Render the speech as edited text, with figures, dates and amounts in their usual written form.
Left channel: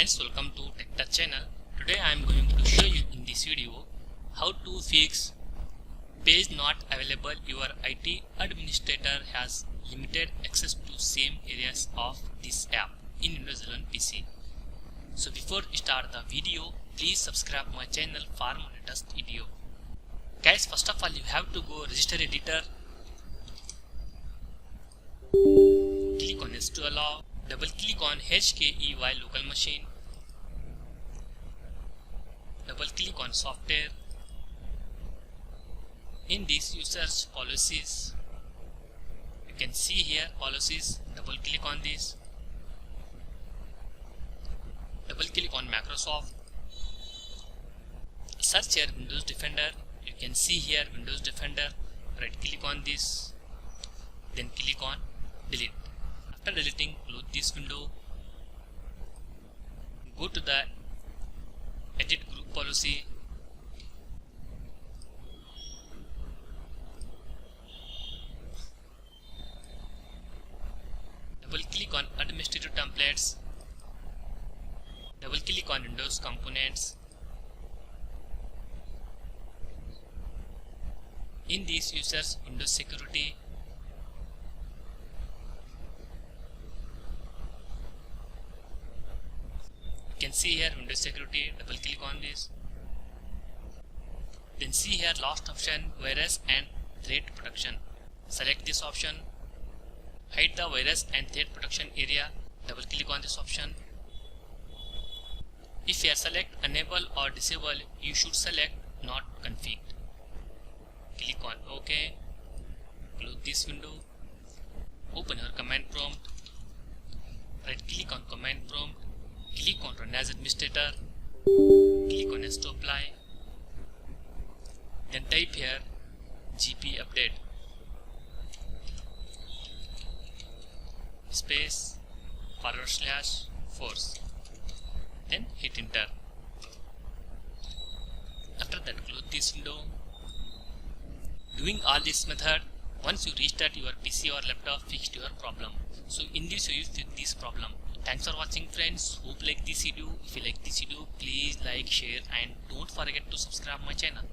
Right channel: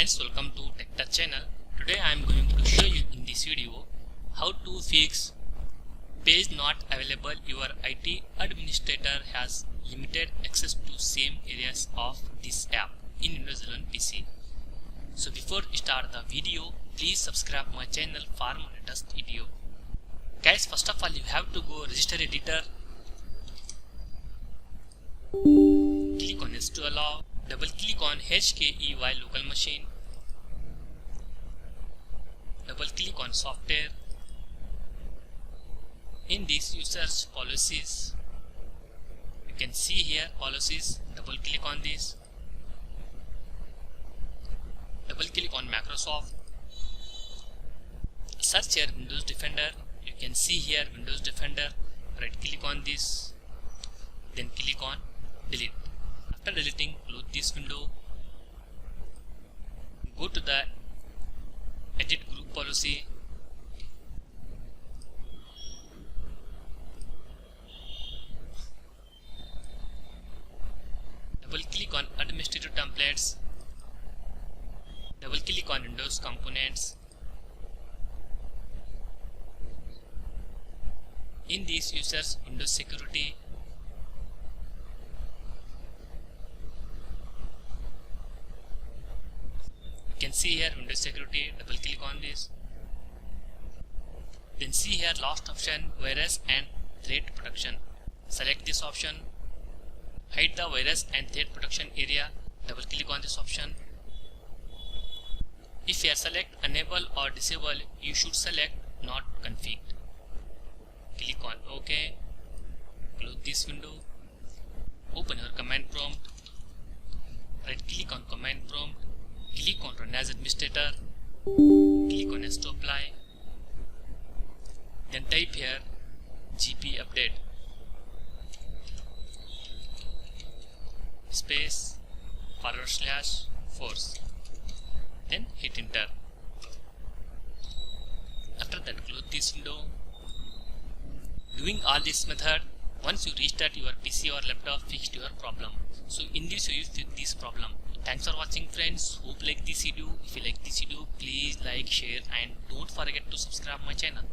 friends, welcome to TechTouch channel. Today I am going to show you in this video how to fix page not available. Your IT administrator has limited access to same areas of this app in Windows 11 PC. So before we start the video, please subscribe my channel for more latest video. Guys, first of all you have to go register editor. Click on yes to allow. Double click on HKEY local machine. Double click on software. In this you search policies. You can see here policies. Double click on this. Double click on Microsoft. Search here Windows Defender. You can see here Windows Defender. Right click on this. Then click on delete. After deleting, close this window. Go to the edit group policy. Double click on administrator templates. Double click on Windows components. In this you search Windows security. You can see here Windows security. Double click on this. Then see here last option, virus and threat protection. Select this option. Hide the virus and threat protection area. Double click on this option. If you select enable or disable, you should select not configured. Click on OK. Close this window. Open your command prompt. Right click on command prompt. Click on Run as Administrator. Click on Yes to apply. Then type here GP update space /force. Then hit enter. After that close this window. Doing all this method, once you restart your PC or laptop, fixed your problem. So in this way you fix this problem. Thanks for watching friends. Hope you like this video. If you like this video, please like, share and don't forget to subscribe my channel.